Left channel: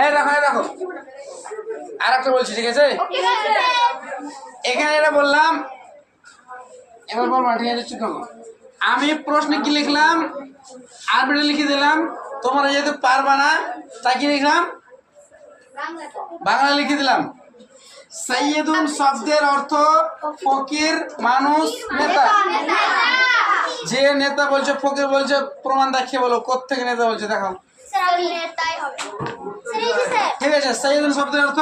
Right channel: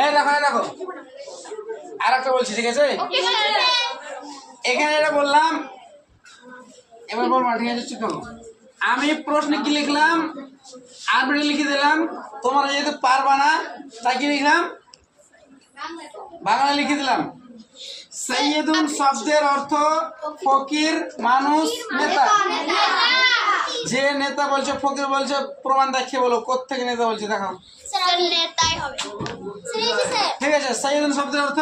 এই দেখো দেখো আর একটা বলছি, ঠিক আছে? এখানে এটা বললাম, এবার বলবো, ঠিক আছে? চুপ থাকো। আমি প্রশ্নে কি লিখলাম, আরবিতে লিখে দিলাম। তোমরা যেহেতু পারবা না তাই কি লিখলাম, বাংলা লিখে দিলাম। সাইয়্যিদুন শব্দের অর্থ ফকির, মানুষ, নেতা। যে নেতা বলছে ফকির বলছে, প্রমাণ দেখিয়ে বলো কোত্থেকে নেতা বলছে, দেখাও। ঠিক আছে, সাইয়্যিদুন শব্দের অর্থ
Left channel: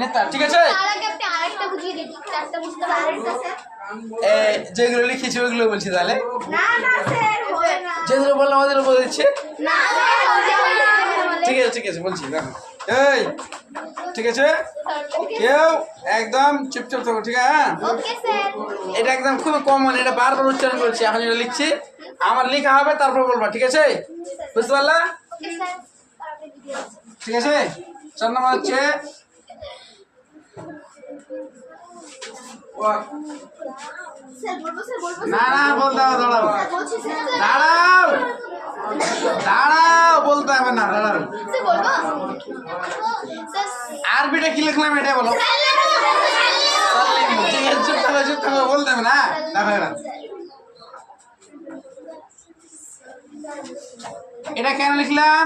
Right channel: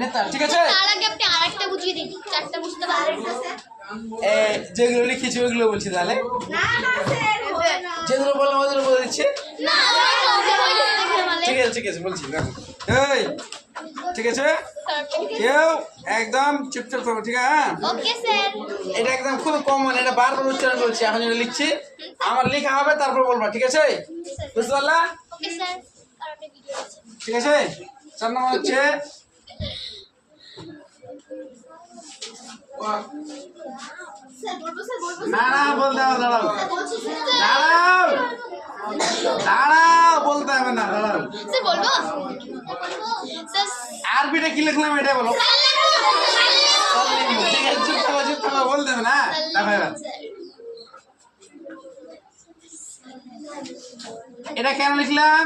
নেতা, ঠিক আছে? যেগুলো লিখেছি ওইগুলো বলছি, তাহলে যেগুলো বললাম ওগুলো বলে দিচ্ছি। ঠিক আছে ঠিক আছে, বলছি, দেখো। এই ঠিক আছে, কেউ একদম চুপচাপ থাকো, ঠিক আছে? হ্যাঁ, এটা একদম খুব কমন, এটা বারবার উচ্চারণ করছি। এখন যেটা লিখছি আমার লেখা হবে, তারপর বলবা, ঠিক আছে? বুঝতে পারলা? ঠিক আছে। 4 নম্বর হচ্ছে না না বলতে হবে, দাঁড়াও দাঁড়াও দাঁড়াও, বলতে হবে না, দাঁড়াও। আরবিটা কি লিখলাম এটা বলো। ঠিক আছে, চুপ থাকো চুপ থাকো, বলতে হবে না। দেখো এবার এটা কেন লিখলাম,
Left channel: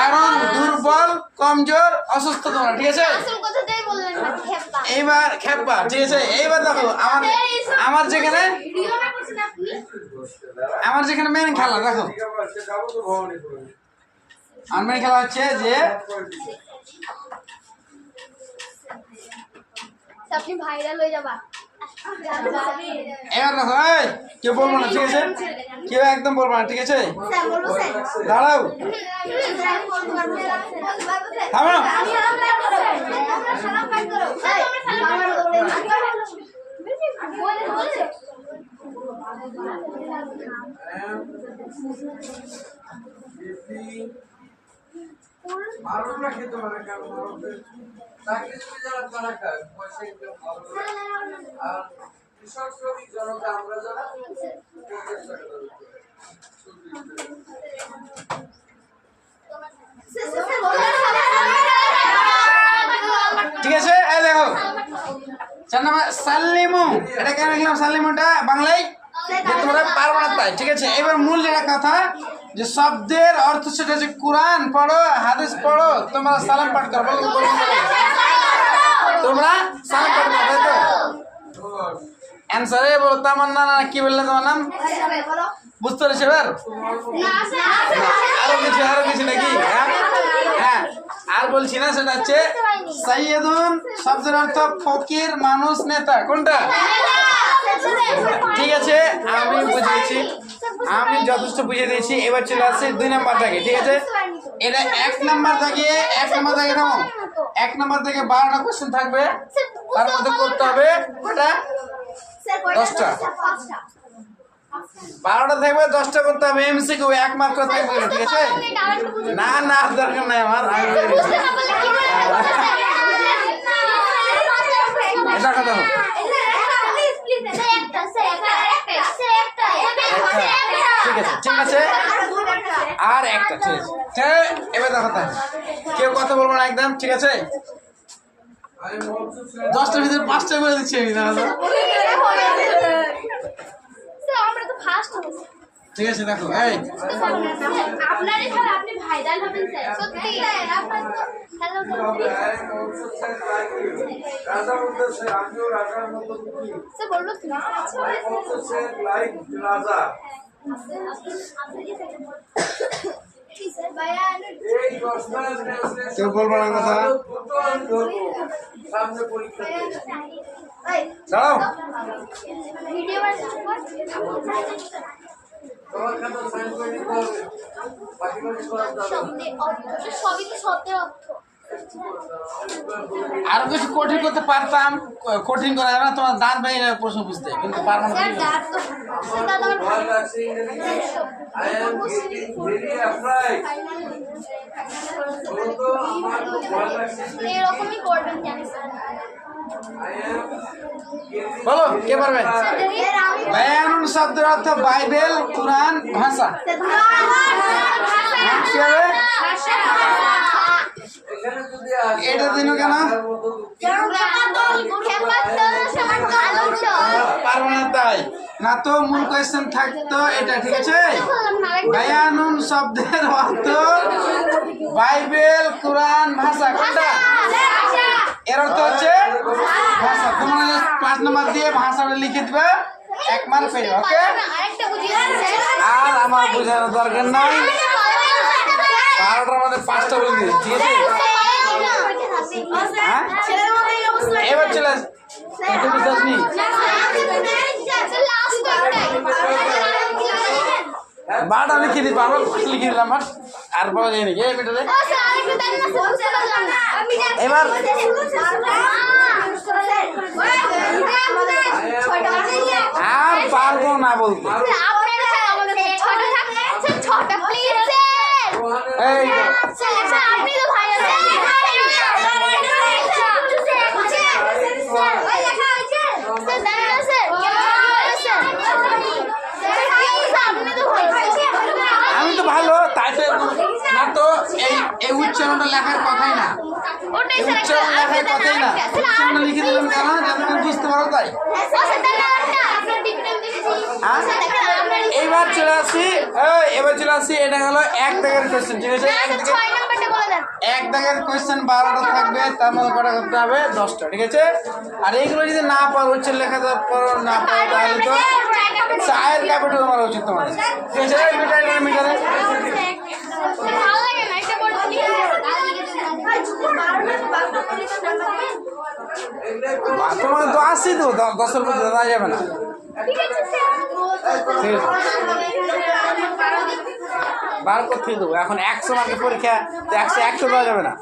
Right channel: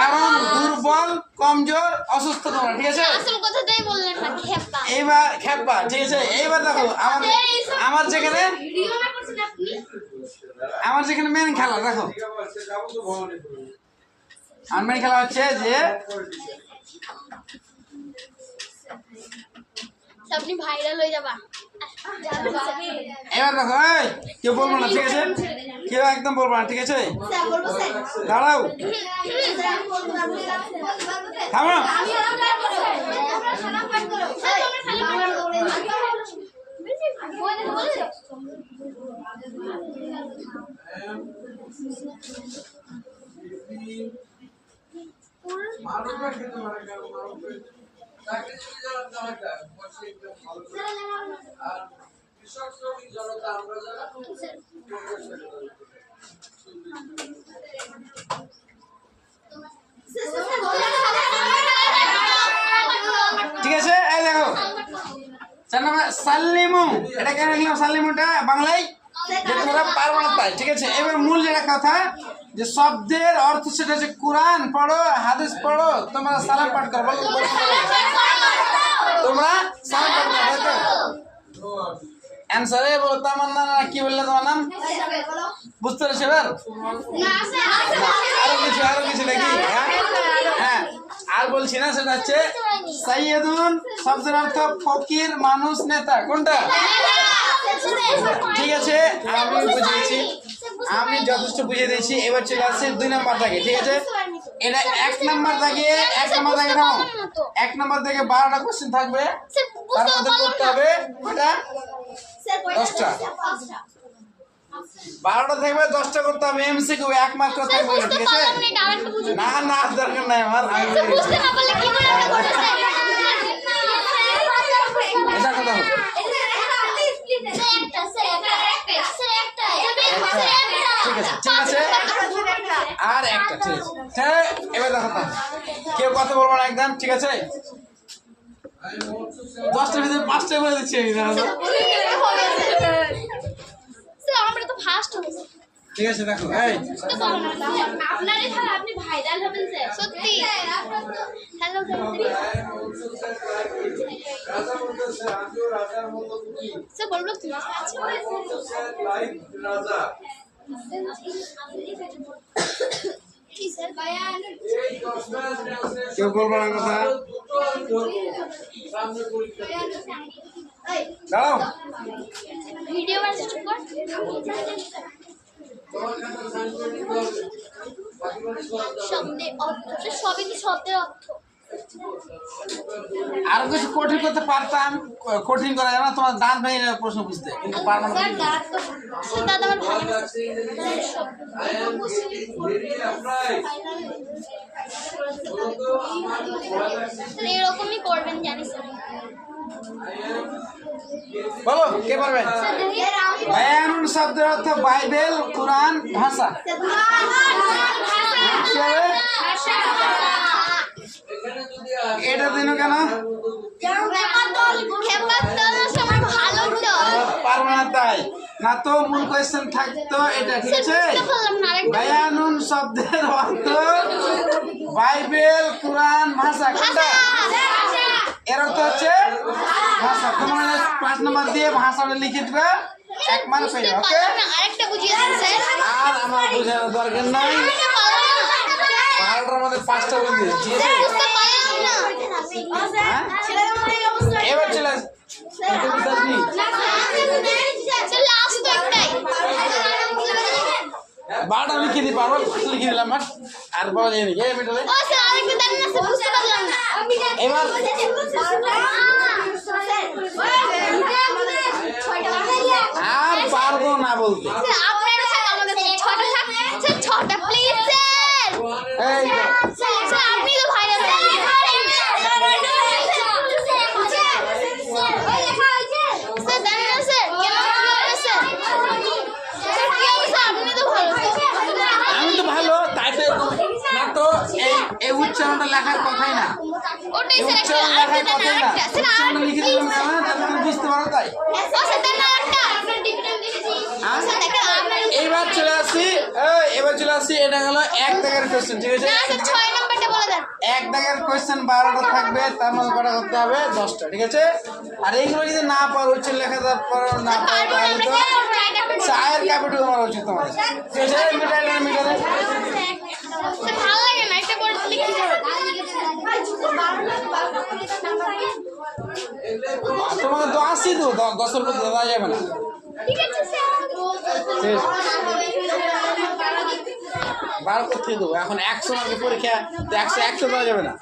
কারণ দুর্বল, কমজোর, অসুস্থ তোমরা, ঠিক আছে? এইবার খেপা, ঠিক আছে? এইবার দেখো আমার যেখানে মেন খেলা, দেখো আমার মেন খেলা হচ্ছে যে আপনি ভাইরাল হয়ে যাবা। এবার দেখো, এই কেউ বলবো না, ঠিক আছে? কেউ একদম বলবো না, ঠিক আছে? দাঁড়াও, থামো। কৃষক শ্রমিক জনতা আমরা যারা ঠিক আছে, এই দেখো 4 নম্বর সাল্লিমু। এটা কেন লিখলাম সাল্লিমুটা বাংলায়, যে তোমরা পারবে না তাই, ঠিক আছে? এবার মূল যেটা কথা, যে শব্দের অর্থ সেটা হচ্ছে কোরআন পড়ো, হাদিস পড়ো, তোমরা সালাম পাঠ করো। বলো তোমরা সালাম পাঠ করো, তাই তো? অ্যান্সারে বলো তামান্না, না কি বললে তোমার নাম, বুঝতে পেরেছো এবার? আরো কিছু নাকি? হ্যাঁ, আর বলছি না, সেটা হচ্ছে সাইয়্যিদুন শব্দের অর্থ ফকির, মানুষ, নেতা। কোনটা? ঠিক আছে, আমি বুঝে গেছি, আমি যথেষ্ট বুঝে দিয়েছি। এবার চলে আসছে 2 নম্বর দাগে, ঠিক আছে? এটা 1 নম্বর দাগে, 1 নম্বর দাগে নাও। 1 নম্বর থেকে 12টা কোশ্চেন থাকবে, তার মধ্যে করতে হবে এটা 10টা। 12টা থাকবে, 10টা করতে হবে। এমসিকিউ 1 মার্ক করে থাকবে, ঠিক আছে? না না, দরকার নাই আমার, আমি এটা কথা হোক। ঠিক আছে ঠিক আছে, আর একটা, ঠিক আছে? হ্যাঁ, এবার দেখো, কেউ কথা বলবো না একদম, ঠিক আছে? 10টার ভিতরে 5টা করে দিচ্ছি আমি, ঠিক আছে? দেখো, এই আপনারই খেলা, আপনি ভাইরাল হবেন স্যার, সত্যি। হ্যালো রাজা বলতেছে আমিও রাজার মতো কি স্যার, বলবো কি লাইক রাজা। এই 10টা কেউ বলবো না কথা, সামনে পরীক্ষা দাঁড়াও। ভিডিও বানাচ্ছি, কর। তোমার খাতা সাইন করে নিতে হবে, বাকি বাকি শব্দের অর্থ, সবই তো শব্দের অর্থ। আরো কিছু কঠিন করতে পারতাম, কঠিন করা যাবে না, তোমার দাঁত ভেঙে যাবে প্রশ্ন বুঝতে, কিন্তু পারবো না। I am getting very afraid. এরকমই করবেন, জানি স্যার। বলো কে পারবে? বায়ানুন শব্দের অর্থ বাইবেল, কোরআন, ভাষা। এটা দিন কেন? পারবো না তাই না তো মূল কোয়েশ্চেন থাকতো এটা, ঠিক আছে? বায়ানুন শব্দের অর্থ বাইবেল, কোরআন, ভাষা, কোনটা? এর অর্থ হচ্ছে ভাষা। তোমরা 5 নাম্বার দিয়ে ভাষাটা লিখে দিবে, 1 মার্ক পেয়ে যাবে, ওকে? আর আমার বোঝানোর দরকার নাই, 12টার মধ্যে 5টা বলে দিই, ঠিক আছে? হ্যাঁ, এবার চলে আস। বারোটা লিখে দিই, পারবো? লিখে দিলাম আর পাওয়া যায় নাকি এই মিটারে? এবার আর পারবো না বলতে। এই আমি তো ভালো, তাই তো না তো এই উচ্চারণটা লেখার কথাই না, এই উচ্চারণ লেখার কথাই না। উচ্চারণটা লিখে দিলাম কেন? যাতে তুমি বুঝতে পারো তাই। এইবার চলে আসি, এবার চলে আসি, এটা হলো 1 দাগের কোয়েশ্চেন, ঠিক আছে? 1 দাগের কোয়েশ্চেন 12টা থাকবে, তার মধ্যে কটা করতে হবে? 10টা, ঠিক আছে? আর এইগুলো যদি না পারো, উচ্চারণ লেখা না পারো, তাহলে তো চায়ের কাপে ডুবে মারা উচিত তোমাদের, ঠিক আছে? মিটারে তোমাদের তো আসছি তো, 10-এর মধ্যে দেওয়া যাবে না, ঠিক আছে? বার করতে দেবো। এখন 100 মার্কের পরীক্ষা, 100 দেওয়া যাবে না।